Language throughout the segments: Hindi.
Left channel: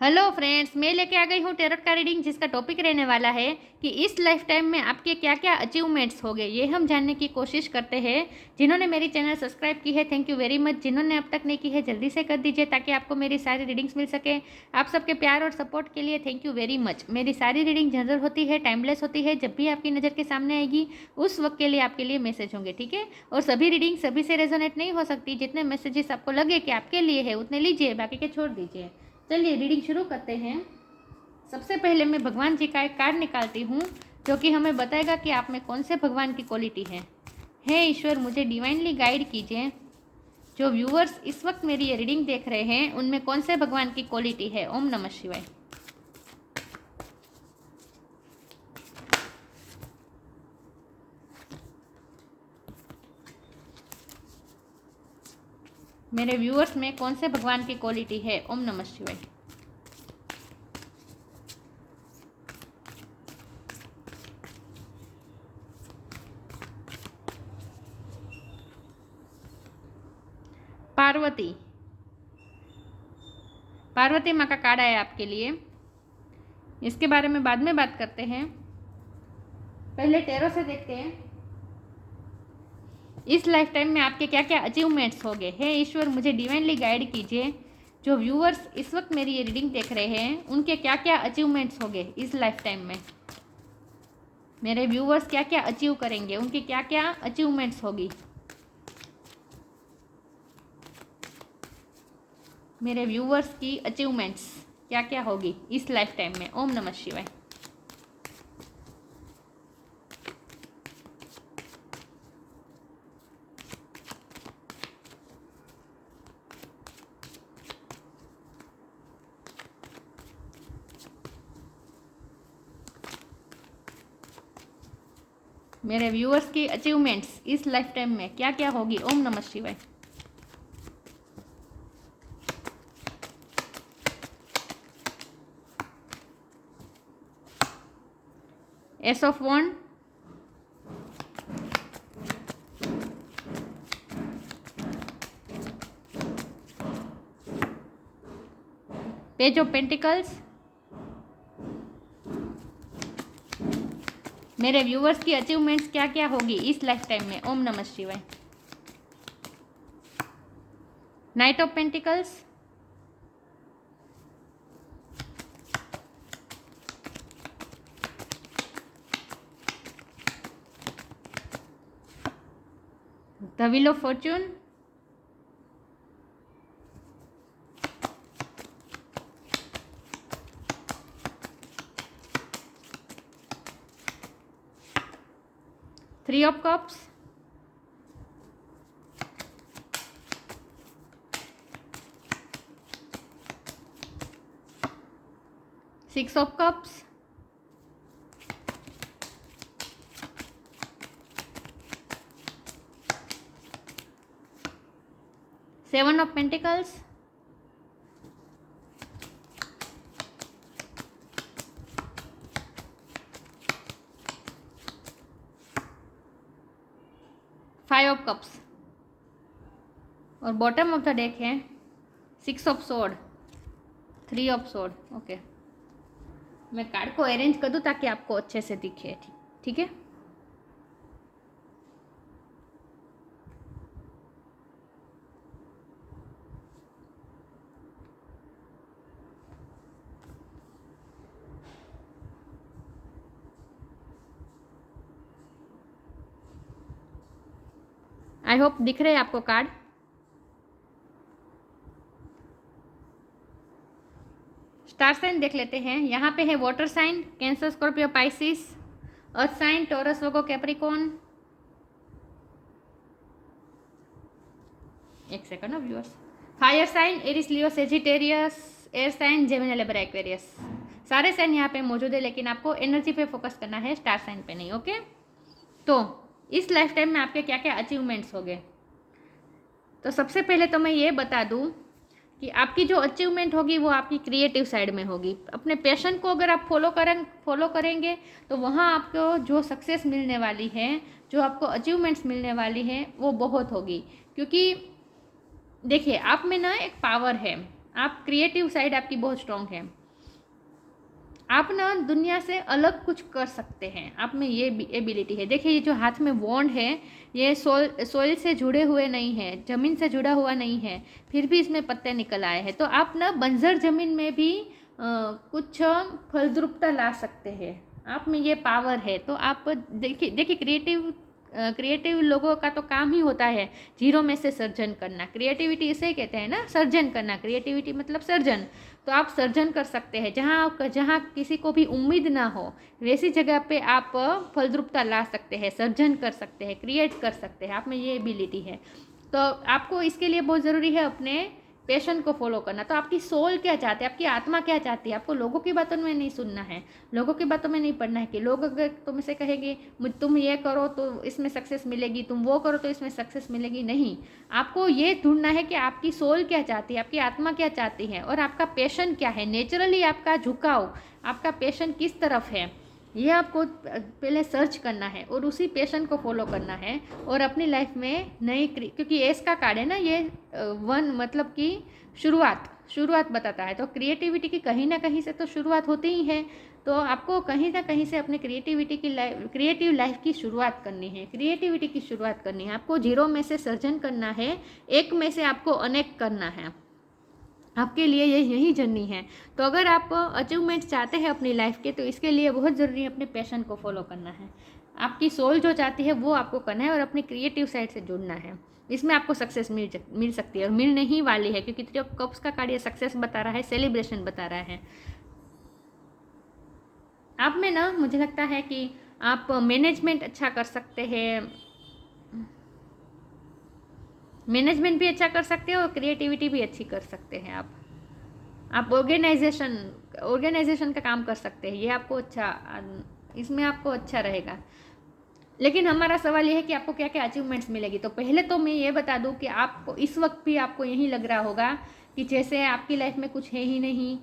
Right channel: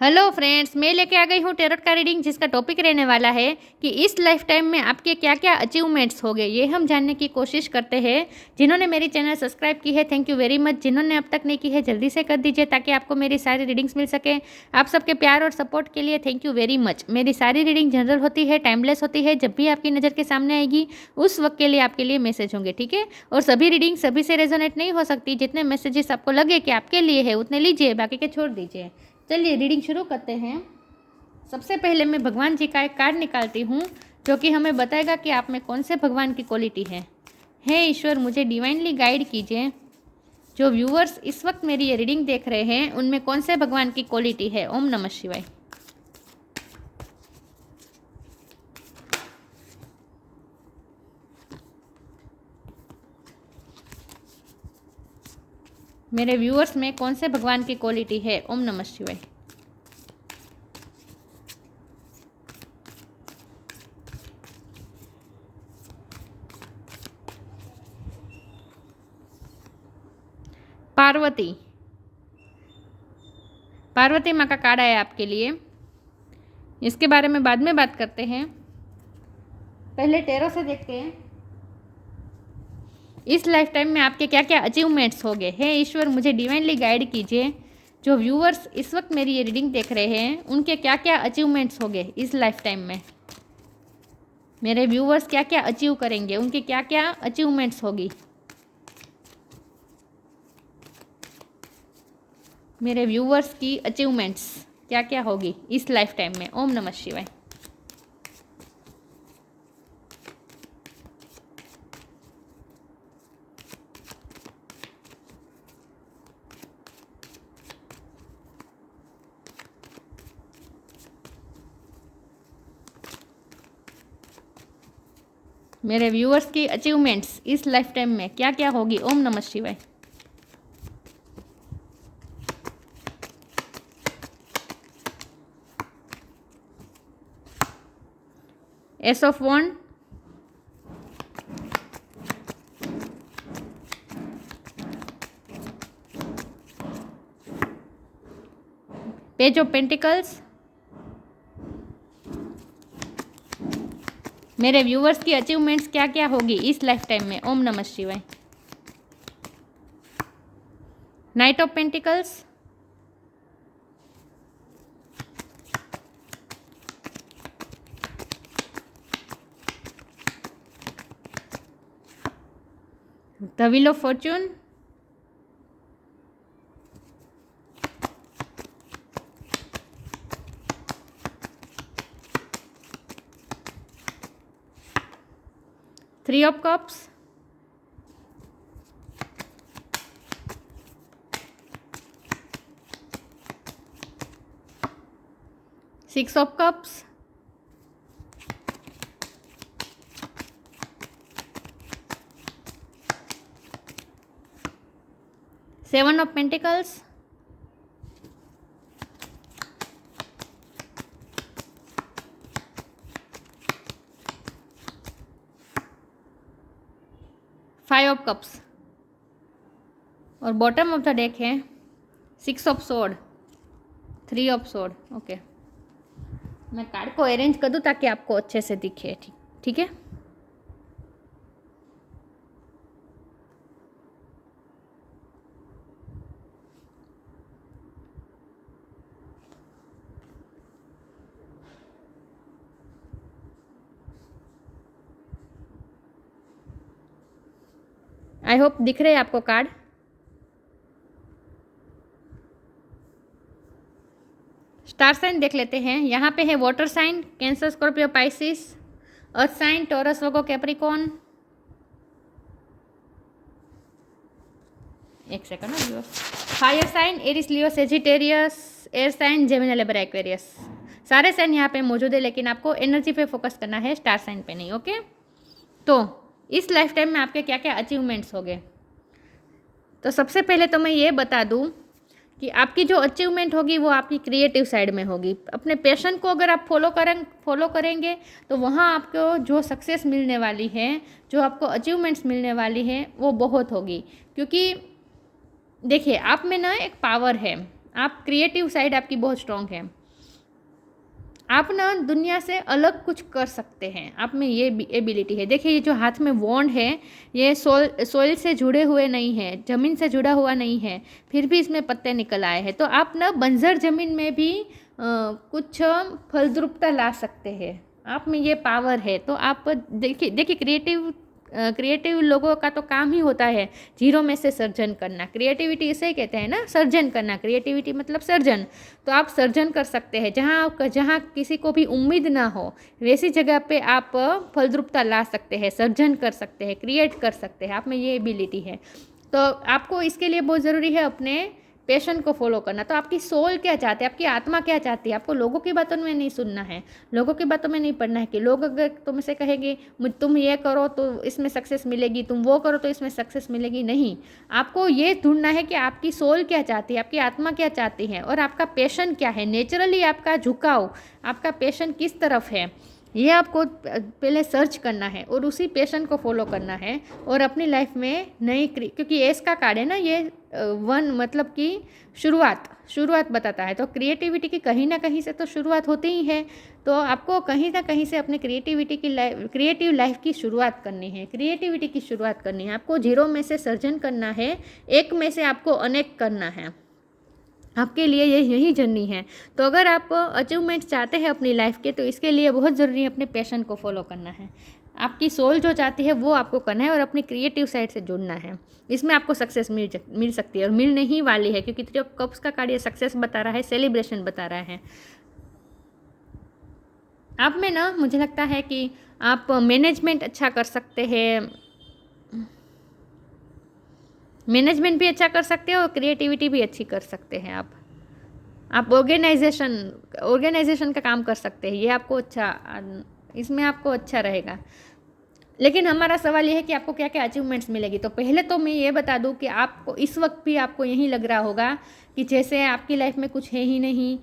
हेलो फ्रेंड्स, मैं लेके आ गई हूँ टेरोट का रीडिंग, जिसका टॉपिक रहने वाला है कि इस लाइफ टाइम में आपके क्या क्या अचीवमेंट्स हो गए, ये हम जानने की कोशिश करते हैं। जिन्होंने मेरी चैनल सब्सक्राइब की है, थैंक यू वेरी मच। जिन्होंने अब तक नहीं की है, जल्दी से कर दीजिए ताकि आपको मेरी सारी रीडिंग्स मिल सके। आप सबके प्यार और सपोर्ट के लिए थैंक यू वेरी मच। मेरी सारी रीडिंग जनरल होती है, टाइमलेस होती है। जब भी आपकी नज़र के सामने आएगी उस वक्त के लिए आपके लिए मैसेज होंगे, ठीक है। और सभी रीडिंग सभी से रेजोनेट नहीं हो सकती। जितने मैसेजेस आपको लगे कि आपके लिए है उतने लीजिए, बाकी के छोड़ दीजिए। चलिए रीडिंग शुरू करते हैं। सबसे पहले मैं भगवान जी का एक कार्ड निकालती हूँ जो कि हमें बताएगा कि आप में कौन से भगवान की क्वालिटी है। हे ईश्वर, मुझे डिवाइनली गाइड कीजिए। जो व्यूअर्स इस वक्त मेरी ये रीडिंग देख रहे हैं उनमें कौन से भगवान की क्वालिटी है। ओम नमः शिवाय। मेरे व्यूअर्स में कौन से भगवान की क्वालिटी है। ओम नमः शिवाय। पार्वती, पार्वती माँ का कार्ड आया आपके लिए। इसके बारे में बाद में बात करते हैं, पहले टेरो से देखते हैं इस लाइफ टाइम में आपके क्या क्या अचीवमेंट्स हो गए। हे ईश्वर, मुझे डिवाइनली गाइड कीजिए। जो व्यूअर्स इस वक्त मेरी ये रीडिंग देख रहे हैं उनके क्या क्या अचीवमेंट्स हो गए इस लाइफ टाइम में। मेरे व्यूअर्स क्या क्या अचीव करेंगे, उनके क्या क्या अचीवमेंट्स होगी। मेरे व्यूअर्स की अचीवमेंट्स क्या क्या होगी इस लाइफ टाइम में। ओम नमः शिवाय। मेरे व्यूअर्स की अचीवमेंट्स इस लाइफ टाइम में क्या क्या होगी। ओम नमः शिवाय। Ace of wand, page of pentacles. मेरे व्यूअर्स की अचीवमेंट्स क्या क्या होगी इस लाइफ टाइम में। ओम नमः शिवाय। Night of pentacles, the wheel of Fortune, three of cups, six of cups, seven of pentacles, five of cups और बॉटम ऑफ द डेक है six of sword, three of sword. Okay, मैं कार्ड को अरेंज कर दूँ ताकि आपको अच्छे से दिखे। ठीक है। आई होप दिख रहे हैं आपको कार्ड। स्टार साइन देख लेते हैं। यहाँ पे है water sign, Cancer, Scorpio, Pisces. Earth sign, Taurus, Virgo, Capricorn. एक सेकंड ना। Fire sign, Aries, Leo, Sagittarius. Air sign, Gemini, Libra, Aquarius. सारे साइन यहाँ पे मौजूद है, लेकिन आपको एनर्जी पे फोकस करना है, स्टार साइन पे नहीं। ओके, तो इस लाइफ टाइम में आपके क्या क्या अचीवमेंट्स हो गए। तो सबसे पहले तो मैं ये बता दूँ कि आपकी जो अचीवमेंट होगी वो आपकी क्रिएटिव साइड में होगी। अपने पैशन को अगर आप फॉलो करेंगे तो वहाँ आपको जो सक्सेस मिलने वाली है, जो आपको अचीवमेंट्स मिलने वाली है, वो बहुत होगी। क्योंकि देखिए, आप में ना एक पावर है, आप क्रिएटिव साइड आपकी बहुत स्ट्रांग है। आप ना दुनिया से अलग कुछ कर सकते हैं, आप में ये एबिलिटी है। देखिए ये जो हाथ में वॉन्ड है, ये सोइल से जुड़े हुए नहीं है, ज़मीन से जुड़ा हुआ नहीं है, फिर भी इसमें पत्ते निकल आए हैं। तो आप ना बंजर ज़मीन में भी कुछ फलद्रुपता ला सकते हैं, आप में ये पावर है। तो आप देखिए देखिए क्रिएटिव लोगों का तो काम ही होता है जीरो में से सर्जन करना। क्रिएटिविटी इसे कहते हैं ना, सर्जन करना। क्रिएटिविटी मतलब सर्जन। तो आप सर्जन कर सकते हैं, जहाँ किसी को भी उम्मीद ना हो वैसी जगह पे आप फलद्रुपता ला सकते हैं, सर्जन कर सकते हैं, क्रिएट कर सकते हैं। आप में ये एबिलिटी है। तो आपको इसके लिए बहुत ज़रूरी है अपने पैशन को फॉलो करना। तो आपकी सोल क्या चाहती है, आपकी आत्मा क्या चाहती है। आपको लोगों की बातों में नहीं सुनना है, लोगों की बातों में नहीं पढ़ना है कि लोग अगर तुमसे कहेंगे तुम ये करो तो इसमें सक्सेस मिलेगी, तुम वो करो तो इसमें सक्सेस मिलेगी। नहीं, आपको ये ढूंढना है कि आपकी सोल क्या चाहती है, आपकी आत्मा क्या चाहती है, और आपका पैशन क्या है। नेचुरली आपका झुकाव, आपका पैशन किस तरफ है, ये आपको पहले सर्च करना है और उसी पैशन को फॉलो करना है। और अपनी लाइफ में नई, क्योंकि एस का कार्ड है ना ये, वन मतलब कि शुरुआत बताता है। तो क्रिएटिविटी की कहीं ना कहीं से तो शुरुआत होती ही है। तो आपको कहीं ना कहीं से अपने क्रिएटिव लाइफ की शुरुआत करनी है, क्रिएटिविटी की शुरुआत करनी है। आपको जीरो में से सर्जन करना है, एक में से आपको अनेक करना है। आपके लिए यही जर्नी है। तो अगर आप अचीवमेंट चाहते हैं अपनी लाइफ के, तो इसके लिए बहुत ज़रूरी है अपने पैशन को फॉलो करना है। आपकी सोल जो चाहती है वो आपको करना है और अपनी क्रिएटिव साइड से जुड़ना है। इसमें आपको सक्सेस मिल सकती है और मिलने ही वाली है, क्योंकि जो कप्स का कार्ड ये सक्सेस बता रहा है, सेलिब्रेशन बता रहा है। आप में ना मुझे लगता है कि आप मैनेजमेंट अच्छा कर सकते हैं, मैनेजमेंट भी अच्छा कर सकते हैं और क्रिएटिविटी भी अच्छी कर सकते हैं। आप ऑर्गेनाइजेशन का काम कर सकते हैं, ये आपको अच्छा, इसमें आपको अच्छा रहेगा। लेकिन हमारा सवाल ये है कि आपको क्या क्या अचीवमेंट्स मिलेगी। तो पहले तो मैं ये बता दूं कि आपको इस वक्त भी आपको यही लग रहा होगा कि जैसे आपकी लाइफ में कुछ है ही नहीं,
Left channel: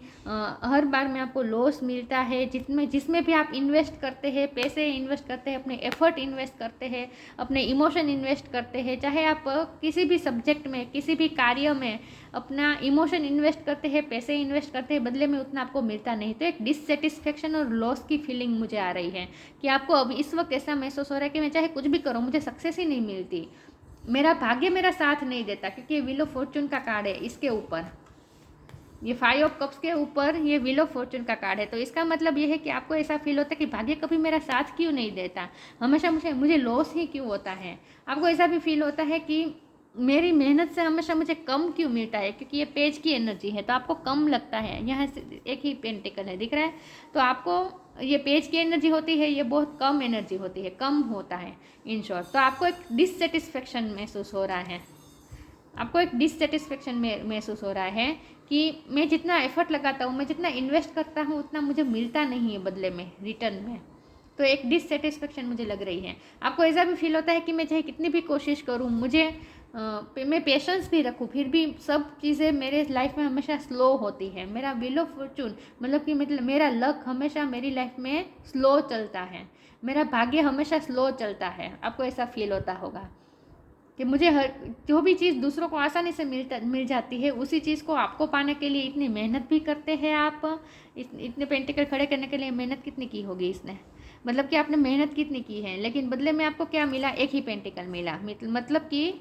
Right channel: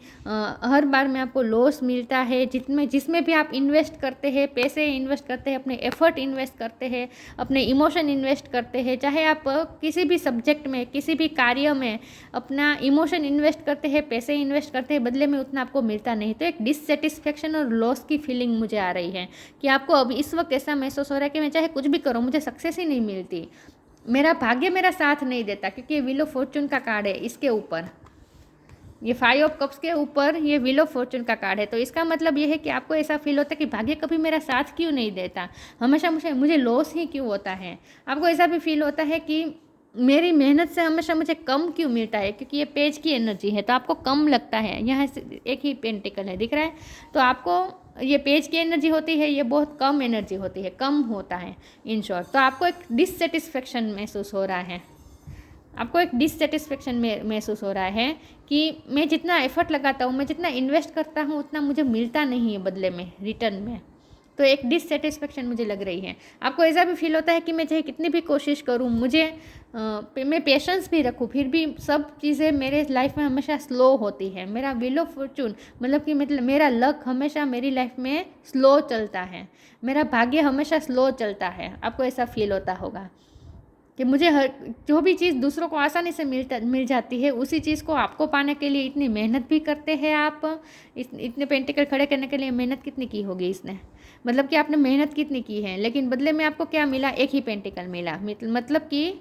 हर बार में आपको लॉस मिलता है। जिसमें भी आप इन्वेस्ट करते हैं, पैसे इन्वेस्ट करते हैं, अपने एफर्ट इन्वेस्ट करते हैं, अपने इमोशन इन्वेस्ट करते हैं, चाहे आप किसी भी सब्जेक्ट में, किसी भी कार्य में अपना इमोशन इन्वेस्ट करते हैं, पैसे इन्वेस्ट करते हैं, बदले में उतना आपको मिलता नहीं। तो एक डिससेटिस्फेक्शन और लॉस की फीलिंग मुझे आ रही है कि आपको अब इस वक्त ऐसा महसूस हो रहा है कि मैं चाहे कुछ भी करूँ मुझे सक्सेस ही नहीं मिलती, मेरा भाग्य मेरा साथ नहीं देता। क्योंकि ये व्हील ऑफ फॉर्चून का कार्ड है, इसके ऊपर ये 5 ऑफ कप्स के ऊपर ये व्हील ऑफ फॉर्चून का कार्ड है। तो इसका मतलब ये है कि आपको ऐसा फील होता है कि भाग्य कभी मेरा साथ क्यों नहीं देता, हमेशा मुझे लॉस ही क्यों होता है। आपको ऐसा भी फील होता है कि मेरी मेहनत से हमेशा मुझे कम क्यों मिलता है, क्योंकि ये पेज की एनर्जी है तो आपको कम लगता है। यहाँ से एक ही पेंटिकल है दिख रहा है, तो आपको ये पेज की एनर्जी होती है, ये बहुत कम एनर्जी होती है, कम होता है इन शॉर्ट। तो आपको एक डिससेटिस्फेक्शन महसूस हो रहा है, आपको एक डिससेटिस्फेक्शन महसूस हो रहा है कि मैं जितना एफर्ट लगाता हूँ, मैं जितना इन्वेस्ट करता हूँ, उतना मुझे मिलता नहीं है बदले में, रिटर्न में। तो एक डिससेटिस्फेक्शन मुझे लग रही है। आपको ऐसा भी फील होता है कि मैं चाहे कितनी भी कोशिश करूँ, मैं पेशेंस भी रखूँ, फिर भी सब चीज़ें मेरे लाइफ में हमेशा स्लो होती है। मेरा व्हील ऑफ फॉर्चून मतलब कि मेरा लक हमेशा मेरी लाइफ में स्लो चलता है, मेरा भाग्य हमेशा स्लो चलता है। आपको ऐसा फील होता होगा कि मुझे जो भी चीज़ दूसरों को आसानी से मिल जाती है, उसी चीज़ को आपको पाने के लिए इतनी मेहनत भी करते हैं आप। इतने पेंटिकल खड़े करने के लिए मेहनत कितनी की होगी इसने, मतलब कि आपने मेहनत कितनी की है, लेकिन बदले में आपको क्या मिला, एक ही पेंटिकल मिला। मतलब कि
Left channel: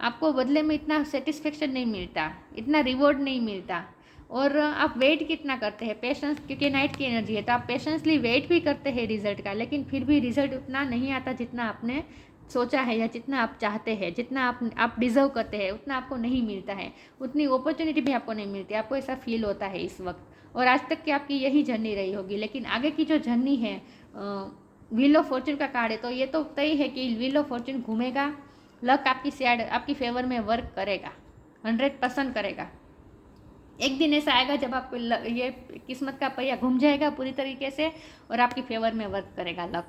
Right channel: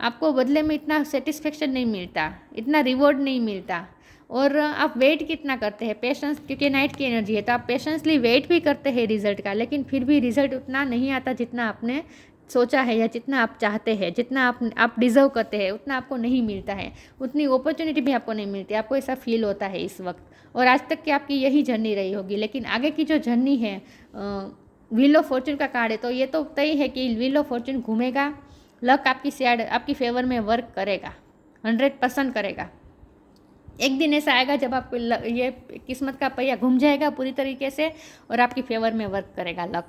आपको बदले में इतना सेटिस्फेक्शन नहीं मिलता, इतना रिवॉर्ड नहीं मिलता। और आप वेट कितना करते हैं, पेशेंस, क्योंकि नाइट की एनर्जी है तो आप पेशेंसली वेट भी करते हैं रिजल्ट का, लेकिन फिर भी रिजल्ट उतना नहीं आता जितना आपने सोचा है या जितना आप चाहते हैं, जितना आप डिज़र्व करते हैं, उतना आपको नहीं मिलता है, उतनी अपॉर्चुनिटी भी आपको नहीं मिलती। आपको ऐसा फील होता है इस वक्त, और आज तक की आपकी यही जर्नी रही होगी। लेकिन आगे की जो जर्नी है, व्हील ऑफ फॉर्चून का कार्ड है, तो ये तो तय है कि व्हील ऑफ फॉर्चून घूमेगा, लक आपकी साइड, आपकी फेवर में वर्क करेगा, 100% करेगा। एक दिन ऐसा आएगा जब आपको ये किस्मत का पहिया घूम जाएगा पूरी तरीके से और आपकी फेवर में वर्क करेगा लक।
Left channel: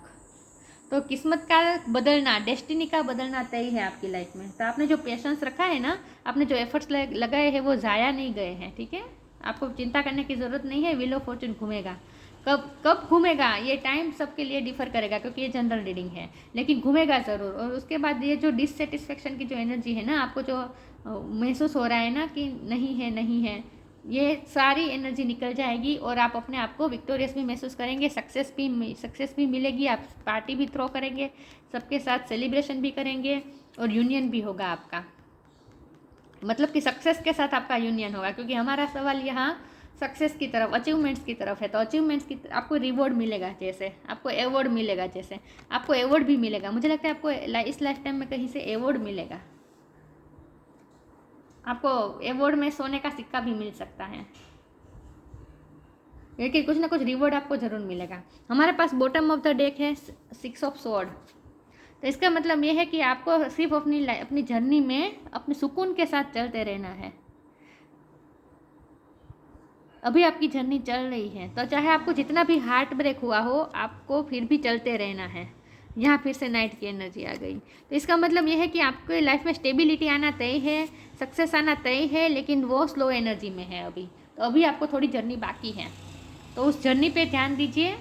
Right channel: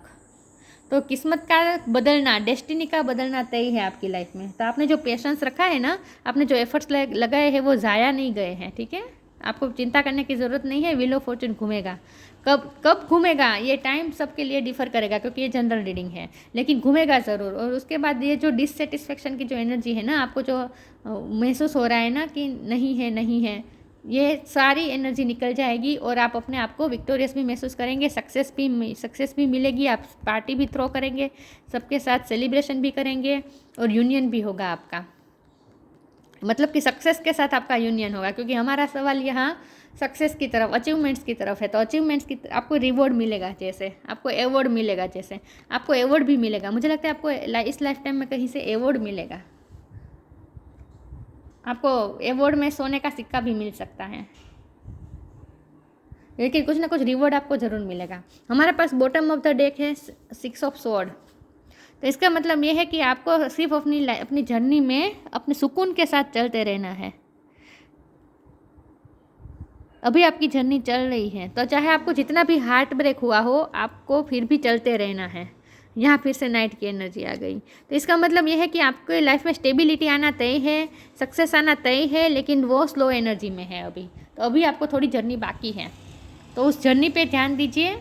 तो किस्मत का बदलना, डेस्टिनी का बदलना तय है आपकी लाइफ में। तो आपने जो पेशेंस रखा है ना, आपने जो एफर्ट्स लगाए हैं, वो ज़ाया नहीं गए हैं, ठीक है। आपको चिंता करने की ज़रूरत नहीं है, व्हील ऑफ फॉर्चून घूमेगा। कब घूमेगा ये टाइम सबके लिए डिफर करेगा, क्योंकि ये जनरल रीडिंग है, लेकिन घूमेगा ज़रूर। और उसके बाद ये जो डिससेटिस्फेक्शन की जो एनर्जी है ना, आपको जो महसूस हो रहा है ना कि नहीं है, ये सारी एनर्जी निकल जाएगी और आप अपने आप को विक्टोरियस भी महसूस करेंगे, सक्सेस भी मिलेगी, आप पार्टी भी थ्रो करेंगे, सबके साथ सेलिब्रेशन भी करेंगे और यूनियन भी होगा आपका, मतलब कि सक्सेस के साथ आपका यूनियन होगा। क्योंकि हमारा सवाल यहाँ सक्सेस की तरफ, अचीवमेंट्स की तरफ है, तो अचीवमेंट्स की आपको रिवॉर्ड मिलेगा, जैसे आपको अवॉर्ड मिलेगा, जैसे आपको अवॉर्ड भी मिलेगा। मुझे लगता है आपको इस लाइफ टाइम में कहीं से अवॉर्ड मिलेगा, आपको अवॉर्ड में सोने का सिक्का भी मिल सकता है, लेकिन कुछ ना कुछ रिवॉर्ड आपको ज़रूर मिलेगा। हमारे पास बॉटम ऑफ द डेक है 6 ऑफ स्वॉर्ड, तो इसका मतलब ये है कि आपको सिर्फ अपनी जर्नी में अपने सुकून के साथ चलते रहना है। अभी आपकी जर्नी चल रही है, तो चाहे आपको जितना भी हार्ट ब्रेक हुआ हो, आपको फिर भी चलते रहना है। यहाँ फिर से नाइट की एनर्जी आ गई, तो इसका मतलब ये है कि आपके लाइफ में स्टेबिलिटी आना तय है, सक्सेस आना तय है, लेकिन वो स्लो एनर्जी में है अभी। तो अभी आपको थोड़ी जर्नी बाकी है, तो उस जर्नी पे ध्यान दीजिए।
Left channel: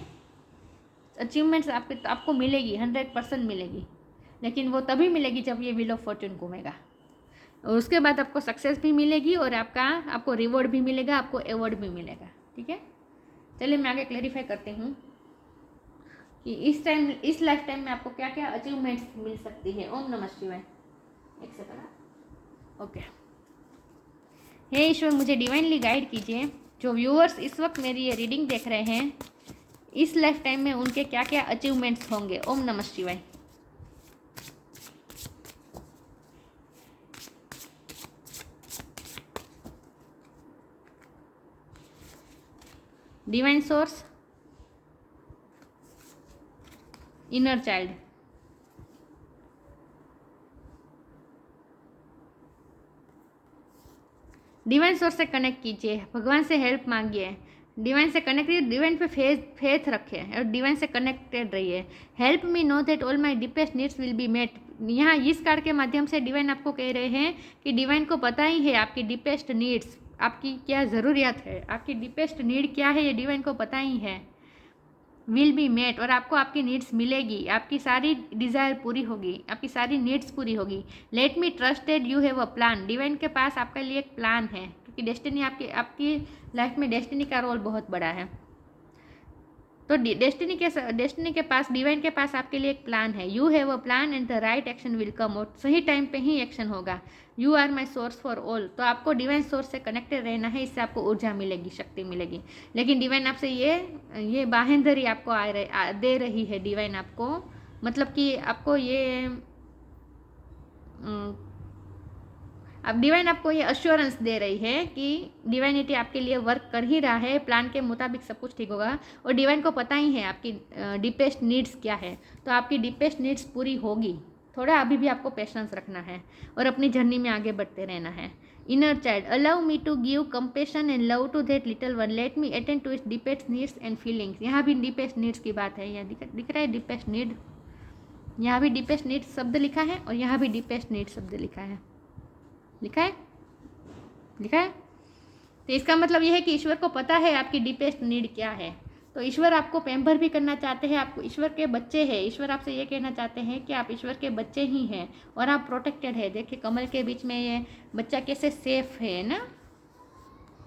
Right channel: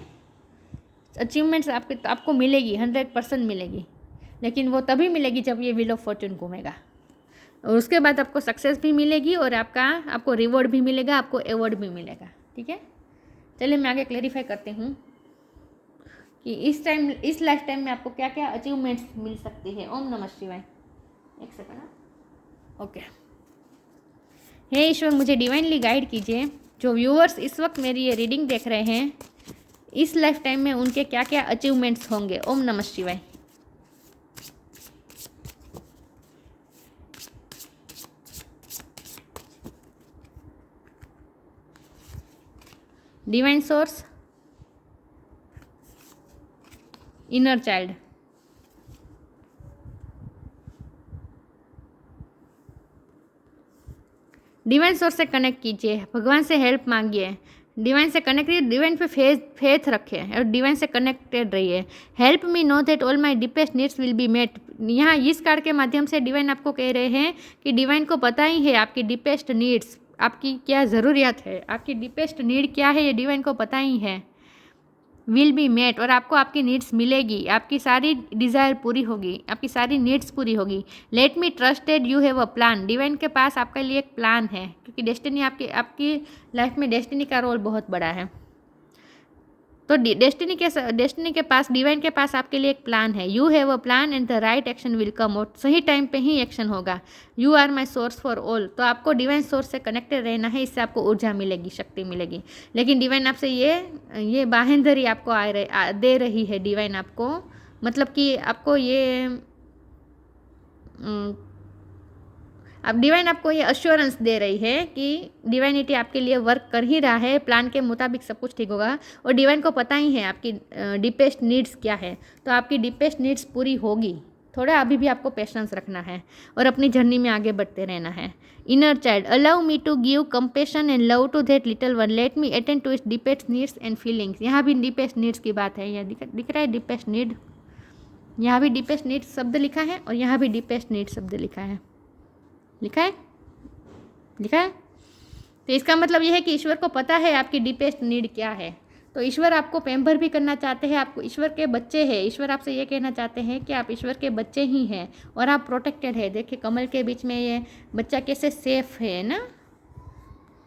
अचीवमेंट्स आपको मिलेगी, 100% मिलेगी, लेकिन वो तभी मिलेगी जब ये व्हील ऑफ फॉर्च्यून घूमेगा, और उसके बाद आपको सक्सेस भी मिलेगी और आपको रिवॉर्ड भी मिलेगा, आपको अवॉर्ड भी मिलेगा। ठीक है, चलिए मैं आगे क्लेरिफाई करती हूँ कि इस लाइफ टाइम में आपको क्या क्या अचीवमेंट्स मिल सकती है। ओम नमः शिवाय। एक सेकंड। ओके, हे ईश्वर, मुझे डिवाइनली गाइड कीजिए। जो व्यूअर्स इस वक्त मेरी ये रीडिंग देख रहे हैं, इस लाइफ टाइम में उनके क्या क्या अचीवमेंट्स होंगे। ओम नमः शिवाय। Divine source, inner child, divine source से कनेक्ट कीजिए, भगवान से हेल्प मांगिए, डिवाइन से कनेक्ट कीजिए, डिवाइन पे फेथ रखें और डिवाइन से कनेक्टेड रहिए। Help me know that all my deepest needs will be met. यहाँ इस कार्ड के माध्यम से डिवाइन आपको कह रहे हैं कि डिवाइन को पता ही है आपकी डीपेस्ट नीड्स, आपकी क्या ज़रूरियात है, आपकी डीपेस्ट नीड क्या है, ये डिवाइन को पता ही है। विल बी मेट, और आपको आपकी नीड्स मिलेगी, आपकी सारी डिज़ायर पूरी होगी, आपकी सारी नीड्स पूरी होगी। Let me trusted you have a plan. Divine के पास आपके लिए एक प्लान है, क्योंकि डेस्टिनी आपकी लाइफ में डेस्टिनी का रोल बहुत बड़ा है। तो डेस्टिनी के पास, डिवाइन के पास आपके लिए एक प्लान है। You have a plan and the right action will come out. सही टाइम पे ही एक्शन होगा। You are my source for all. तो आपको डिवाइन सोर्स से कनेक्टेड रहना है, इससे आपको ऊर्जा मिलेगी, शक्ति मिलेगी। लेकिन डिवाइन आपसे ये बाहेंधरी आपको दे रही है। डिवाइन आपको, मतलब कि आपको ये अब डिवाइन आपको ये अश्योरेंस दे रही है कि डिवाइनिटी आपके लिए वर्क कर ही रहा है, प्लान के मुताबिक सब कुछ ठीक होगा। और डिवाइन को पता ही है आपकी डीपेस्ट नीड्स क्या है, तो आपकी डीपेस्ट नीड्स पूरी होगी। थोड़ा अभी भी आपको पेशेंस रखना है और अपनी जर्नी में आगे बढ़ते रहना है। Inner child, allow me to give compassion and love to that little one, let me attend to its deepest needs and feelings. यहाँ भी डीपेस्ट नीड्स की बात है, यहाँ दिख रहा है डीपेस्ट नीड, यहाँ भी डीपेस्ट नीड्स शब्द लिखा है और यहाँ भी डीपेस्ट नीड शब्द लिखा है, लिखा है, लिखा है। तो इसका मतलब यह है कि ईश्वर को पता है आपकी डीपेस्ट नीड क्या है। तो ईश्वर आपको पैम्पर भी करना चाहते हैं, आपको ईश्वर के बच्चे हैं। ईश्वर आपसे ये कहना चाहते हैं कि आप ईश्वर के बच्चे ही हैं और आप प्रोटेक्टेड है। देखिए कमल के बीच में ये बच्चा कैसे सेफ है ना,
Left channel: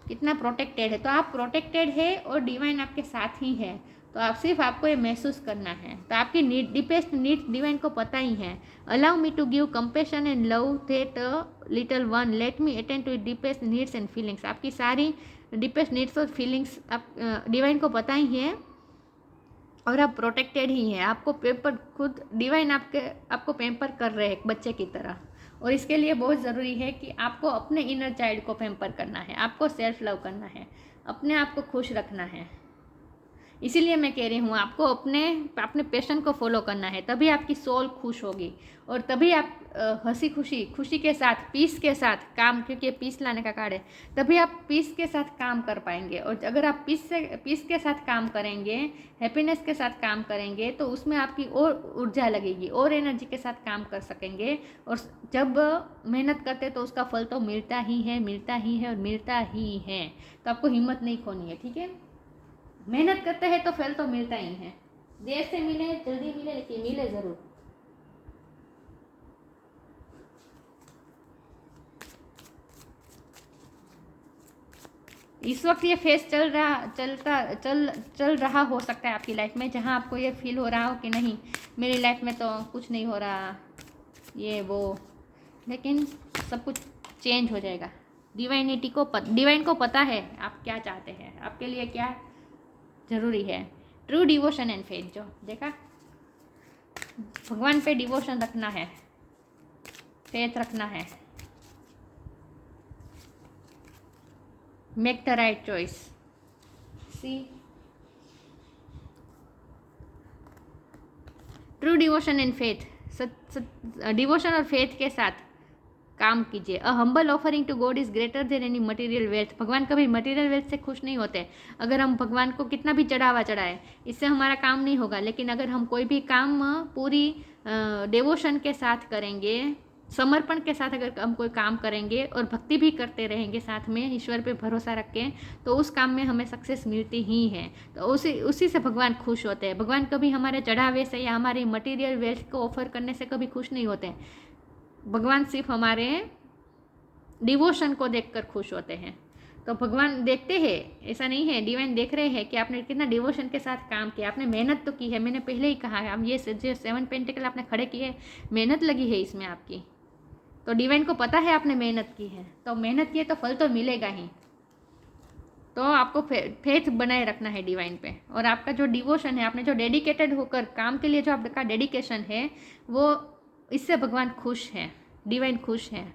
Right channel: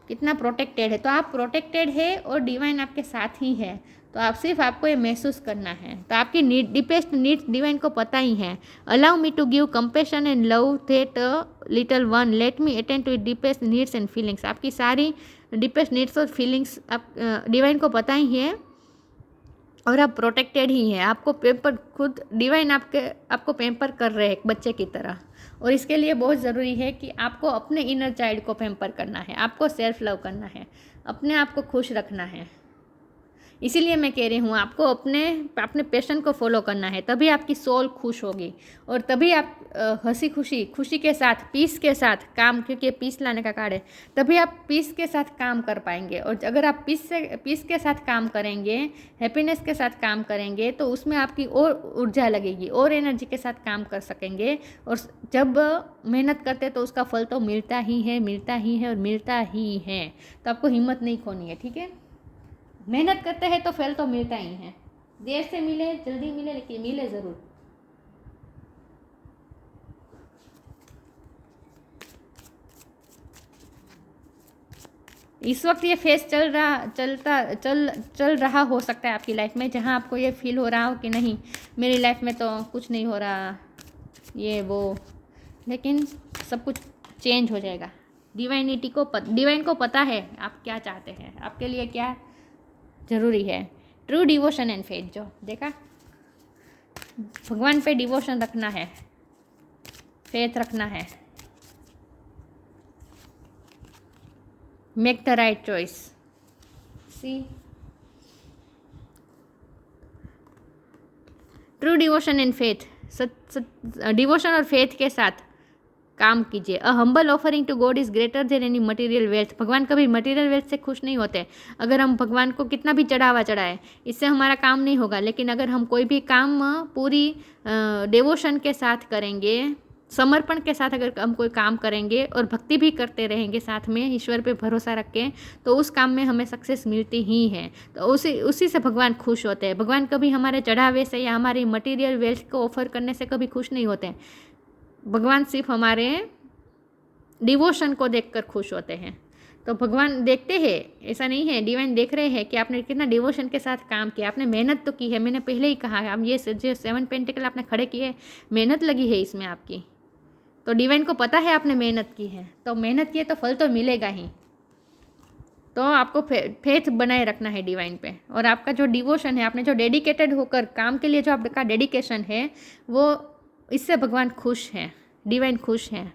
कितना प्रोटेक्टेड है। तो आप प्रोटेक्टेड है और डिवाइन आपके साथ ही है। तो आपको ये महसूस करना है। तो आपकी डीपेस्ट नीड्स डिवाइन को पता ही है। Allow me to give compassion and love that little one, let me attend to deepest needs and feelings. आपकी सारी डीपेस्ट नीड्स और फीलिंग्स आप डिवाइन को पता ही है और आप प्रोटेक्टेड ही हैं। आपको पेम्पर, खुद डिवाइन आपको पेम्पर कर रहे हैं एक बच्चे की तरह। और इसके लिए बहुत ज़रूरी है कि आपको अपने इनर चाइल्ड को पेम्पर करना है, आपको सेल्फ लव करना है, अपने आप को खुश रखना है। इसीलिए मैं कह रही हूँ आपको अपने पैशन को फॉलो करना है, तभी आपकी सोल खुश होगी और तभी आप खुशी के साथ, पीस के साथ काम, क्योंकि पीस लाने का कार्ड है, तभी आप पीस के साथ काम कर पाएंगे। और अगर आप पीस के साथ काम करेंगे, हैप्पीनेस के साथ काम करेंगे, तो उसमें आपकी और ऊर्जा लगेगी और एनर्जी के साथ काम कर सकेंगे। और जब मेहनत करते तो उसका फल तो मिलता ही है, मिलता ही है और मिलता ही है। तो आपको हिम्मत नहीं खोनी है, ठीक है। मेहनत करते हैं तो फल तो मिलता ही है, देर से मिले जल्दी मिले, लेकिन मिले ज़रूर। इस वक्त ये फेस चल रहा हो सकता है आपकी लाइफ में, जहाँ आपको ये फील हो रहा हो कि नहीं मेरी लाइफ में तो कुछ नहीं हो रहा, ये वो, लेकिन सब कुछ चेंज हो जाएगा। डिवाइन को पता है आप क्या चाहते हैं, आपके लिए क्या ज़रूरी है। ट्रू डिवोशन एंड फेथ, जो देखा, भगवान पे डिवोशन रखना है, फेथ रखना है। Make the right choice. See, true devotion and faith, devotion और फेथ के साथ काम कीजिए। A humble offering to God is greater than any material wealth. भगवान कभी मटेरियल वेल्थ से खुश नहीं होते। अगर हम भगवान को कितना भी चढ़ावा चढ़ाए, इससे हमारा काम नहीं होगा। लेकिन अगर हम कोई भी काम पूरी डिवोशन के साथ करेंगे, समर्पण के साथ अगर हम कोई काम करेंगे और भक्ति भी करते रहेंगे साथ में, ईश्वर पे भरोसा रख के, तो उस काम में हमें सक्सेस मिलती ही है। तो उसी से भगवान खुश होते हैं। भगवान कभी हमारे चढ़ावे से या हमारी मटेरियल वेल्थ को ऑफर करने से कभी खुश नहीं होते। भगवान सिर्फ हमारे डिवोशन को देखकर खुश होते हैं। तो भगवान देखते हैं, ऐसा नहीं है, डिवाइन देख रहे हैं कि आपने कितना डिवोशन के साथ काम किया, आपने मेहनत तो की है। मैंने पहले ही कहा है, अब ये जो 7 पेंटिकल आपने खड़े किए, मेहनत लगी है इसमें आपकी। तो डिवाइन को पता है आपने मेहनत की है, तो मेहनत की है तो फल तो मिलेगा ही। तो आपको फेथ बनाए रखना है डिवाइन पे। और आपका जो डिवोशन है, आपने जो डेडिकेटेड होकर काम के लिए जो आपका डेडिकेशन है, वो इससे भगवान खुश हैं, डिवाइन खुश हैं।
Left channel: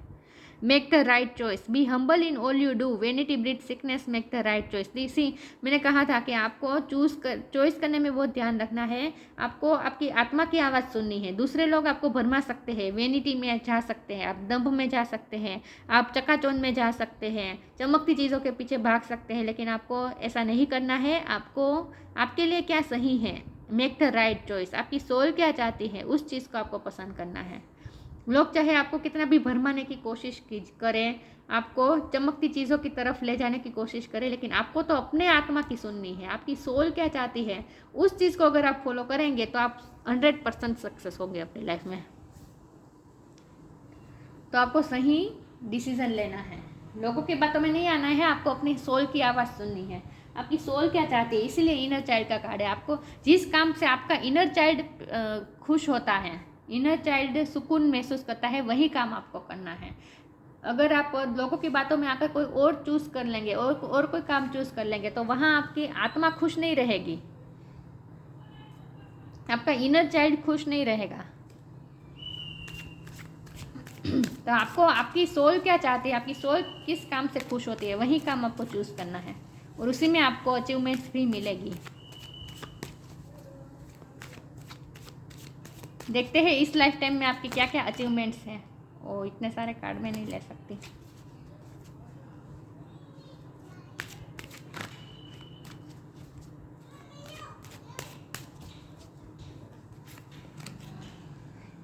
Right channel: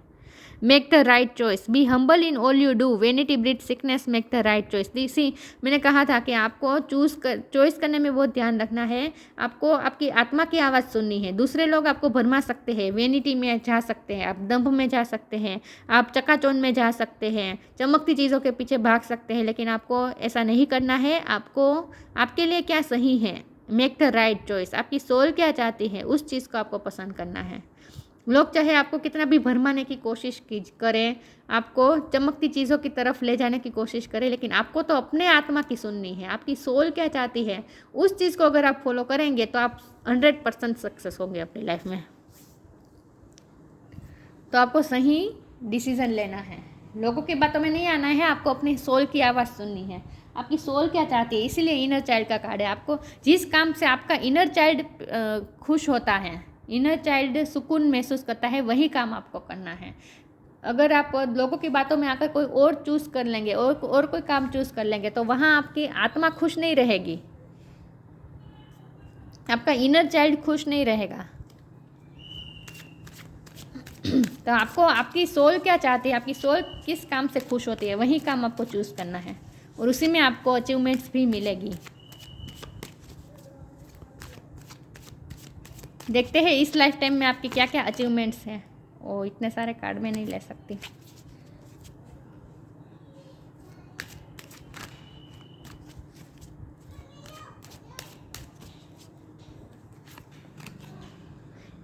Make the right choice, be humble in all you do, vanity breed sickness, make the right choice. See, मैंने कहा था कि आपको चॉइस करने में बहुत ध्यान रखना है। आपको आपकी आत्मा की आवाज़ सुननी है। दूसरे लोग आपको भरमा सकते हैं, वेनिटी में जा सकते हैं, आप दंभ में जा सकते हैं, आप चकाचौंध में जा सकते हैं, चमकती चीज़ों के पीछे भाग सकते हैं, लेकिन आपको ऐसा नहीं करना है। आपको आपके लिए क्या सही है, मेक द राइट चॉइस। आपकी सोल क्या चाहती है, उस चीज़ को आपको पसंद करना है। लोग चाहे आपको कितना भी भरमाने की कोशिश करें, आपको चमकती चीज़ों की तरफ ले जाने की कोशिश करें, लेकिन आपको तो अपने आत्मा की सुननी है। आपकी सोल क्या चाहती है, उस चीज़ को अगर आप फॉलो करेंगे तो आप 100% सक्सेस होंगे अपनी लाइफ में। तो आपको सही डिसीजन लेना है, लोगों की बातों में नहीं आना है। आपको अपनी सोल की आवाज़ सुननी है, आपकी सोल क्या चाहती है। इसीलिए इनर चाइल्ड का कार्ड है। आपको जिस काम से आपका इनर चाइल्ड खुश होता है, इनर चाइल्ड सुकून महसूस करता है, वही काम आपको करना है। अगर आप लोगों की बातों में आकर कोई और चूज़ कर लेंगे और कोई काम चूज़ कर लेंगे, तो वहाँ आपकी आत्मा खुश नहीं रहेगी, आपका इनर चाइल्ड खुश नहीं रहेगा। तो आपको आपकी सोल क्या चाहती है, आपकी सोल किस काम से खुश होती है, वही काम आपको चूज़ करना है, और उसी में आपको अचीवमेंट्स भी मिलेगी। देखते हैं इस लाइफ टाइम में आपके क्या क्या अचीवमेंट्स हैं। ओ, इतने सारे कार्ड में नहीं ले सकती।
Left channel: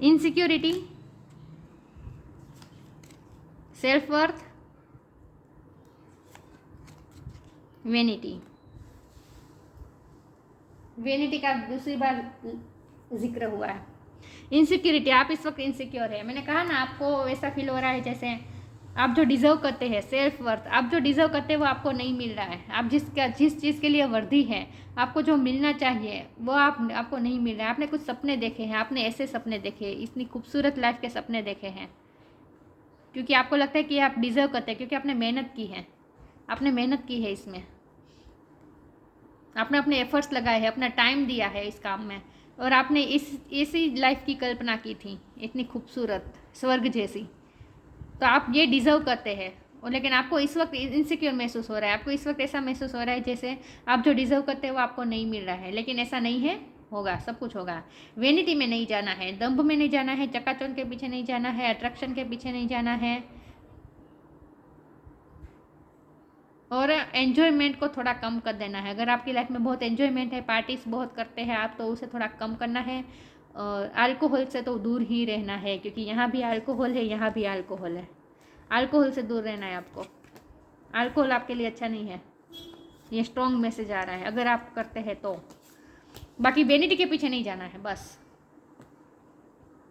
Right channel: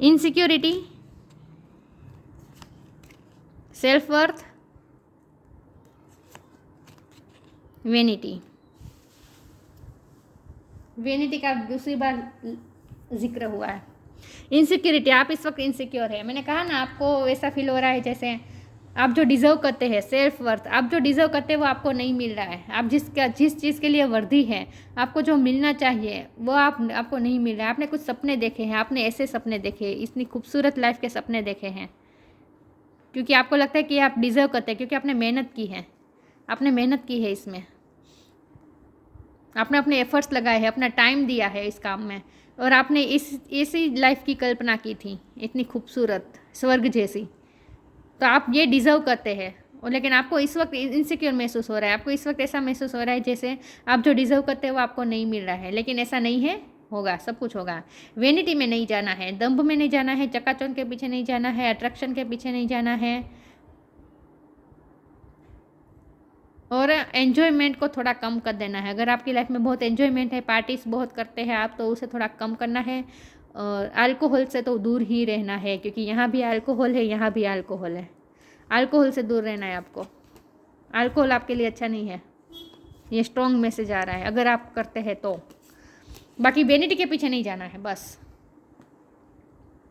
Insecurity, self worth, vanity. Vanity का दूसरी बार जिक्र हुआ है। इनसिक्योरिटी, आप इस वक्त इनसिक्योर है। मैंने कहा ना, आपको वैसा फील हो रहा है जैसे आप जो डिज़र्व करते हैं, सेल्फ वर्थ, आप जो डिज़र्व करते हैं वो आपको नहीं मिल रहा है। आप जिस चीज़ के लिए वर्दी है, आपको जो मिलना चाहिए वो आपको नहीं मिल रहा है। आपने कुछ सपने देखे हैं, आपने ऐसे सपने देखे, इतनी खूबसूरत लाइफ के सपने देखे हैं, क्योंकि आपको लगता है कि आप डिज़र्व करते हैं, क्योंकि आपने मेहनत की है, आपने मेहनत की है इसमें, आपने अपने एफर्ट्स लगाए हैं, अपना टाइम दिया है इस काम में, और आपने ऐसी लाइफ की कल्पना की थी, इतनी खूबसूरत, स्वर्ग जैसी। तो आप ये डिज़र्व करते हैं। और लेकिन आपको इस वक्त इनसिक्योर महसूस हो रहा है, आपको इस वक्त ऐसा महसूस हो रहा है जैसे आप जो डिज़र्व करते हैं वो आपको नहीं मिल रहा है। लेकिन ऐसा नहीं है, होगा, सब कुछ होगा। वेनिटी में नहीं जाना है, दंभ में नहीं जाना है, चकाचौंध के पीछे नहीं जाना है, अट्रैक्शन के पीछे नहीं जाना है, और एन्जॉयमेंट को थोड़ा कम कर देना है। अगर आपकी लाइफ में बहुत एन्जॉयमेंट है, पार्टीज बहुत करते हैं आप, तो उसे थोड़ा कम करना है। और अल्कोहल से तो दूर ही रहना है, क्योंकि यहाँ भी अल्कोहल है, यहाँ भी अल्कोहल है। अल्कोहल से दूर रहना है आपको। अल्कोहल आपके लिए अच्छा नहीं है, ये स्ट्रॉन्ग मैसेज आ रहा है अगर आप करते हैं तो। बाकी वेनिटी के पीछे नहीं जाना है बस।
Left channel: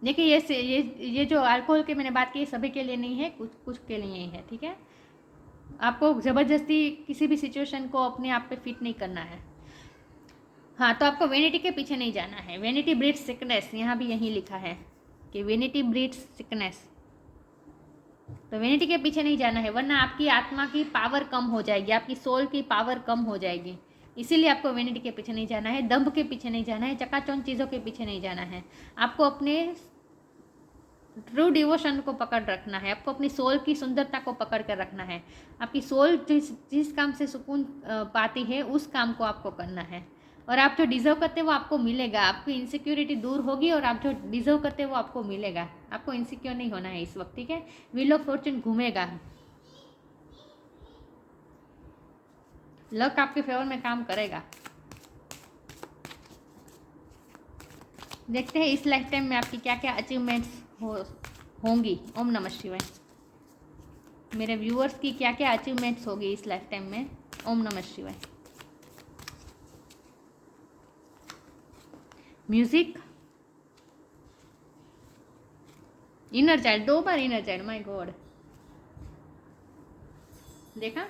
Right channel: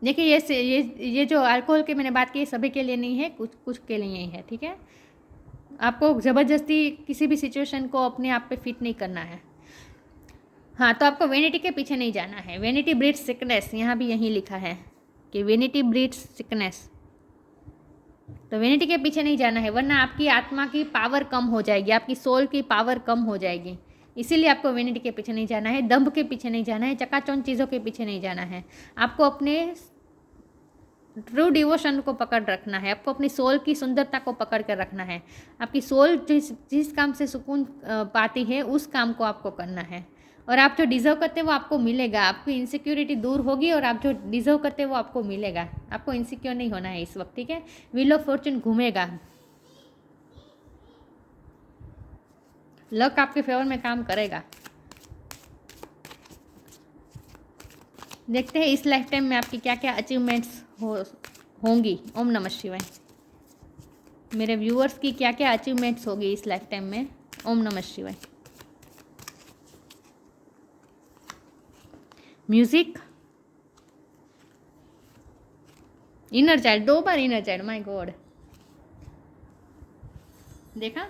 देखिए ये जो अल्कोहल के मैंने बात की, सभी के लिए नहीं है, कुछ के लिए ही है, ठीक है। आपको ज़बरदस्ती किसी भी सिचुएशन को अपने आप पे फिट नहीं करना है। हाँ, तो आपको वेनिटी के पीछे नहीं जाना है। वेनिटी ब्रीड्स सिकनेस, यहाँ भी यही लिखा है कि वेनिटी ब्रीड्स सिकनेस। तो वेनिटी के पीछे नहीं जाना है, वरना आपकी आत्मा की पावर कम हो जाएगी, आपकी सोल की पावर कम हो जाएगी। इसीलिए आपको वेनिटी के पीछे नहीं जाना है, दंभ के पीछे नहीं जाना है, चकाचौंध चीज़ों के पीछे नहीं जाना है। आपको अपने ट्रू डिवोशन को पकड़ रखना है, आपको अपनी सोल की सुंदरता को पकड़ कर रखना है। आपकी सोल जिस जिस काम से सुकून पाती है उस काम को आपको करना है, और आप जो डिज़र्व करते हैं वो आपको मिलेगा। आपकी इनसिक्योरिटी दूर होगी और आप जो डिज़र्व करते हैं वो आपको मिलेगा। आपको इनसिक्योर नहीं होना है इस वक्त, ठीक है। व्हील ऑफ फॉर्चून घूमेगा, लक आपके फेवर में काम करेगा। देखते हैं इस लाइफ टाइम में आपकी क्या क्या अचीवमेंट्स होंगी। ओम नमः शिवाय। मेरे व्यूअर्स की क्या क्या अचीवमेंट्स होगी इस लाइफ टाइम में। ओम नमः शिवाय। Music, inner child, 2 bar inner child, my God. देखा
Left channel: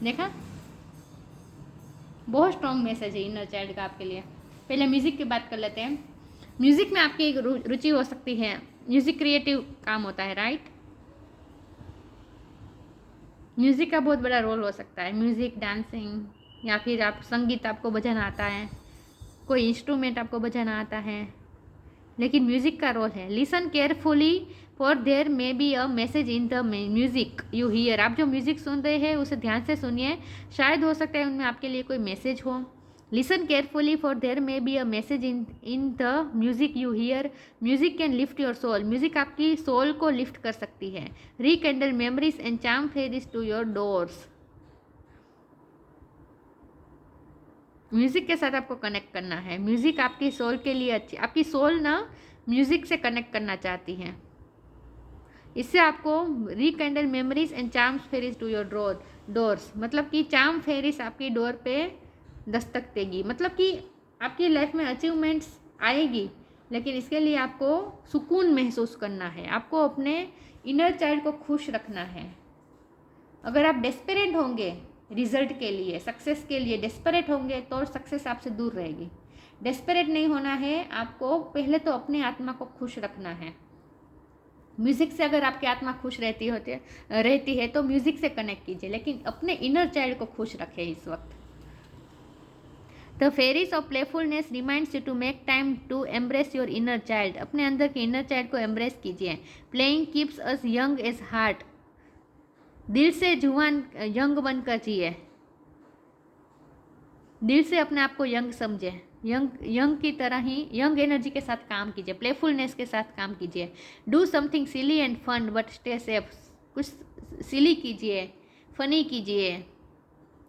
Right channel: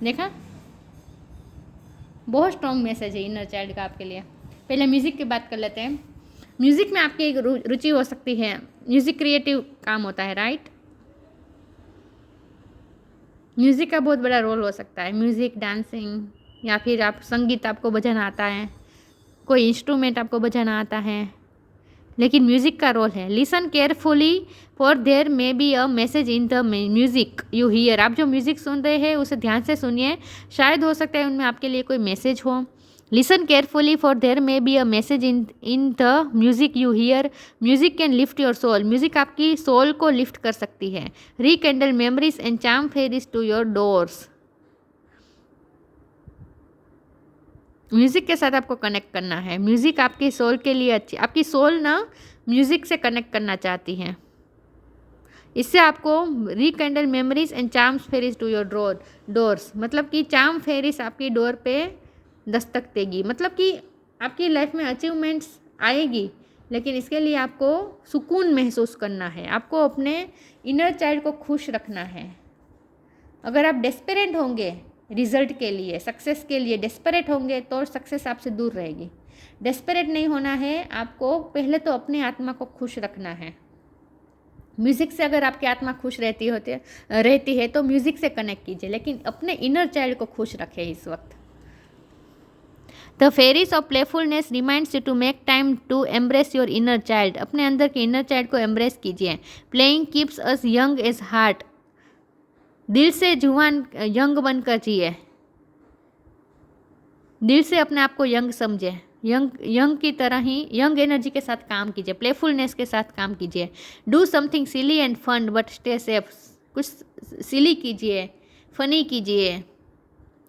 देखा, बहुत स्ट्रॉन्ग मैसेज है इनर चाइल्ड का आपके लिए। पहले म्यूज़िक की बात कर लेते हैं। म्यूज़िक में आपकी एक रुचि हो सकती है। म्यूज़िक क्रिएटिव काम होता है, राइट। म्यूज़िक का बहुत बड़ा रोल हो सकता है। म्यूज़िक, डांसिंग, या फिर आप संगीत, आपको बजाना आता है, कोई इंस्ट्रूमेंट आपको बजाना आता है, लेकिन म्यूज़िक का रोल है। Listen carefully for there may be a message in the music you hear. आप जो म्यूज़िक सुन रहे हैं उसे ध्यान से सुनिए, शायद हो सकता है उनमें आपके लिए कोई मैसेज हो। Listen carefully for there may be a message in the music you hear. Music can lift your soul. Music आपकी सोल को लिफ्ट कर सकती है। Rekindle memories and charm fairies to your doors. Music के साथ आपको कनेक्ट करना है। म्यूज़िक आपकी सोल के लिए अच्छी, आपकी सोल ना म्यूज़िक से कनेक्ट करना चाहती है। इससे आपको rekindle memories and charms fairies to your doors, मतलब कि चार्म फेरीज आपकी डोर पे दस्तक देगी। मतलब कि आपकी लाइफ में अचीवमेंट्स आएगी, लेकिन इसके लिए आपको सुकून महसूस करना है। आपको अपने इनर चाइल्ड को खुश रखना है। अगर आप डेस्परेट होंगे रिजल्ट के लिए, सक्सेस के लिए डेस्परेट होंगे, तो सक्सेस आपसे दूर रहेगी। डेस्परेट नहीं होना है आपको, पहले तो अपने आत्मा को खुश रखना है। म्यूज़िक से अगर आपकी आत्मा खुश रहती है तो म्यूज़िक से कनेक्ट कीजिए, लेकिन अपने इनर चाइल्ड को खुश रखें इस वक्त। The fairies of playfulness reminds you to make time to embrace your inner child. अपने अंदर के इनर चाइल्ड को एम्ब्रेस कीजिए। Playing keeps us young at heart. दिल से जुआन यंग बनकर जिए। दिल से अपने आप को यंग समझे। यंग की तरह ही यंग एनर्जी के साथ काम कीजिए, प्लेफुलनेस के साथ काम कीजिए। Do something silly and fun but stay safe. कुछ सिली कीजिए, फनी कीजिए।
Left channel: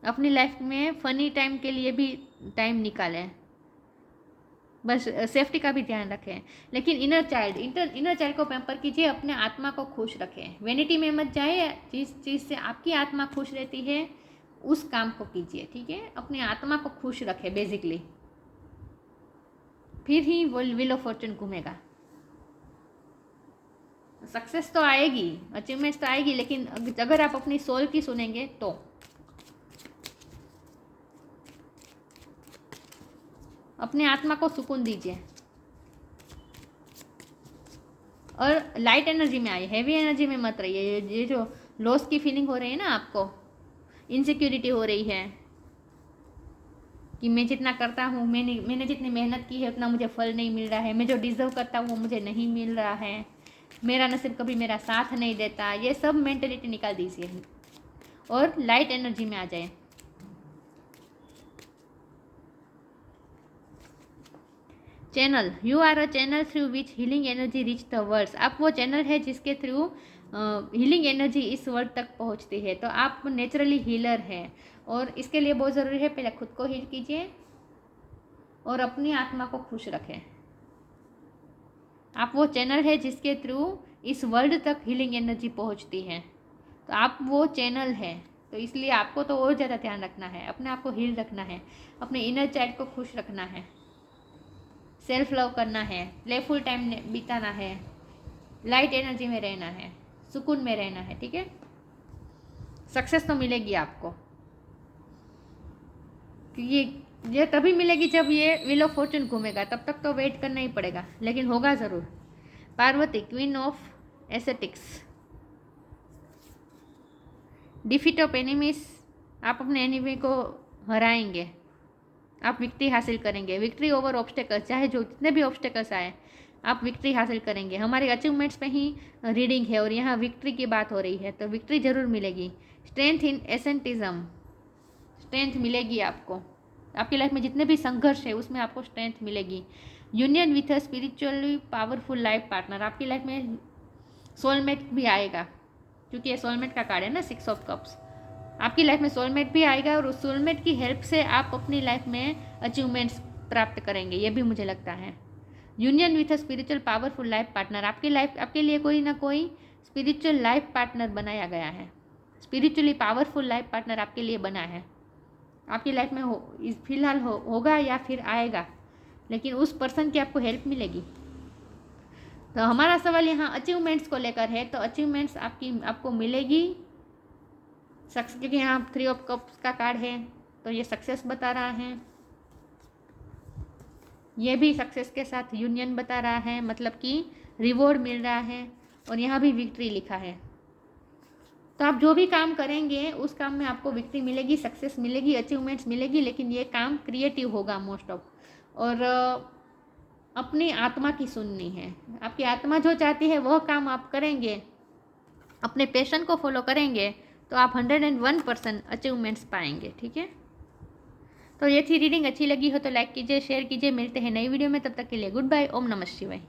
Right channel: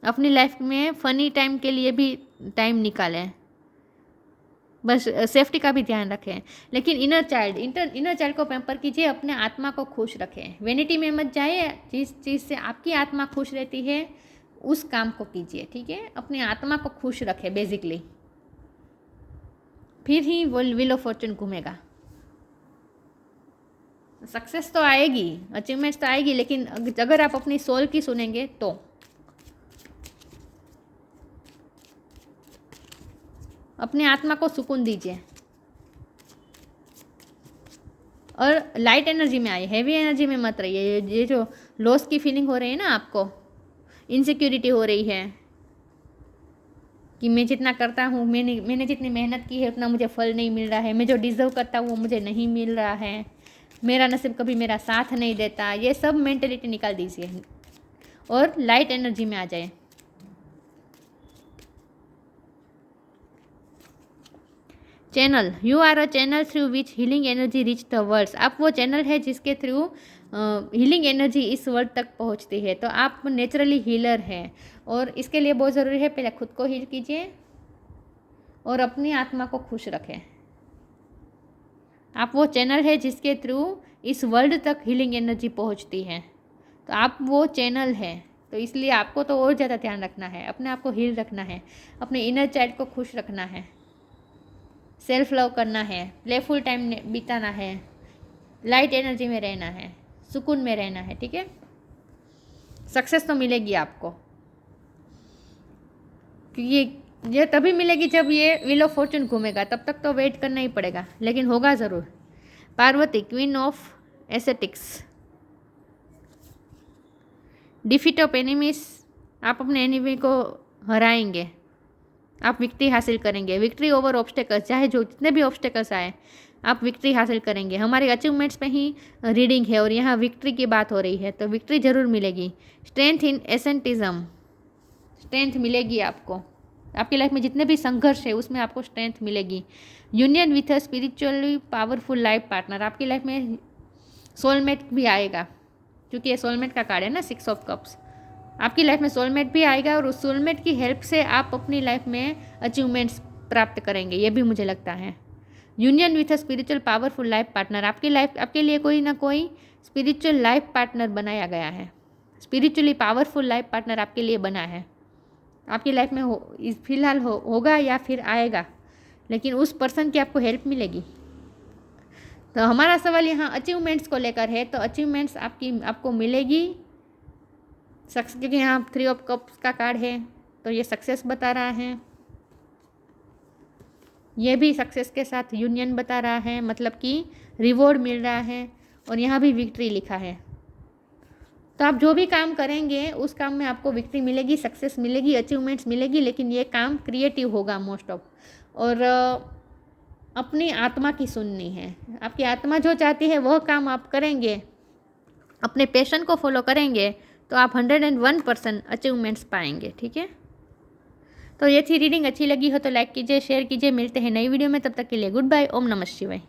अपनी लाइफ में फनी टाइम के लिए भी टाइम निकालें, बस सेफ्टी का भी ध्यान रखें। लेकिन इनर चाइल्ड को पैम्पर कीजिए, अपने आत्मा को खुश रखें। वेनिटी में मत जाए। जिस चीज़ से आपकी आत्मा खुश रहती है उस काम को कीजिए, ठीक है। अपनी आत्मा को खुश रखें बेसिकली, फिर ही वो व्हील ऑफ फॉर्चून घूमेगा। सक्सेस तो आएगी, अचीवमेंट्स तो आएगी, लेकिन अगर आप अपनी सोल की सुनेंगे तो। अपने आत्मा को सुकून दीजिए और लाइट एनर्जी में आइए, हैवी एनर्जी में मत रहिए। ये जो लॉस की फीलिंग हो रही है ना, आपको इनसिक्योरिटी हो रही है कि मैं जितना करता हूँ, मैंने जितनी मेहनत की है उतना मुझे फल नहीं मिल रहा है, मैं जो डिज़र्व करता हूँ वो मुझे नहीं मिल रहा है, मेरा नसीब कभी मेरा साथ नहीं देता, ये सब मेंटलिटी निकाल दीजिए और लाइट एनर्जी में आ जाए। Channel, you are a channel through which healing energy reach the world. आप वो चैनल है जिसके थ्रू हीलिंग एनर्जी इस वर्ल्ड तक पहुंचती है। तो आप नेचुरली हीलर हैं, और इसके लिए बहुत ज़रूरी है पहले खुद को हील कीजिए और अपनी आत्मा को खुश रखें। आप वो चैनल है जिसके थ्रू इस वर्ल्ड तक हीलिंग एनर्जी पहुंचती है। तो आप वो चैनल है, तो इसलिए आपको तो और ज़्यादा ध्यान रखना है, अपने आप को हील रखना है, अपने इनर चाइल्ड को खुश रखना है, सेल्फ लव करना है, प्लेफुल टाइम बिताना है, लाइट एनर्जी में रहना है, सुकून में रहना है, ठीक है। सक्सेस तो मिलेगी आपको, क्योंकि ये तभी मिलेगी जब ये व्हील ऑफ फॉर्चून घूमेगा, तब तक तो वेट करना ही पड़ेगा, लेकिन होगा ज़रूर। Parvati, queen of ascetics, defeat of enemies, आप अपने एनिमी को हराएंगे, आप विक्ट्री हासिल करेंगे। विक्ट्री ओवर ऑब्स्टेकल्स, चाहे जो जितने भी ऑब्स्टेकल्स आए आप विक्ट्री हासिल करेंगे। हमारे अचीवमेंट्स पे ही रीडिंग है और यहाँ विक्ट्री की बात हो रही है, तो विक्ट्री जरूर मिलेगी। स्ट्रेंथ इन एसेंटिज्म, स्ट्रेंथ मिलेगी आपको, आपकी लाइफ में जितने भी संघर्ष है उसमें आपको स्ट्रेंथ मिलेगी। Union with a spiritually powerful life partner, आपकी लाइफ में सोलमेट भी आएगा, क्योंकि ये सोलमेट का कार्ड है ना, 6 ऑफ कप्स। आपकी लाइफ में सोलमेट भी आएगा और उस सोलमेट की हेल्प से आप अपनी लाइफ में अचीवमेंट्स प्राप्त करेंगे, ये भी मुझे लगता है। Union with a spiritual powerful life partner, आपकी लाइफ, आपके लिए कोई ना कोई स्पिरिचुअल लाइफ पार्टनर बनाया गया है, स्पिरिचुअली पावरफुल लाइफ पार्टनर आपके लिए बना है। आपकी लाइफ में फिलहाल होगा या फिर आएगा, लेकिन उस पर्सन की आपको हेल्प मिलेगी। तो हमारा सवाल यहाँ अचीवमेंट्स को लेकर है, तो अचीवमेंट्स आपको मिलेगी क्योंकि यहाँ 3 ऑफ कप्स का कार्ड है, तो ये सक्सेस बता रहा है। ये भी सक्सेस के साथ यूनियन बता रहा है, मतलब कि रिवॉर्ड मिल रहा है, और यहाँ भी विक्ट्री लिखा है। तो आप जो भी काम करेंगे उस काम में आपको विक्ट्री मिलेगी, सक्सेस मिलेगी, अचीवमेंट्स मिलेगी, लेकिन ये काम क्रिएटिव होगा मोस्ट ऑफ, और अपनी आत्मा की सुननी है। आपकी आत्मा जो चाहती है वह काम आप करेंगे, अपने पैशन को फॉलो करेंगे, तो आप 101% अचीवमेंट्स पाएंगे, ठीक है। तो ये थी रीडिंग, अच्छी लगी हो तो लाइक कीजिए, शेयर कीजिए। मिलते हैं नई वीडियो में, तब तक के लिए गुड बाय। ओम नमः शिवाय।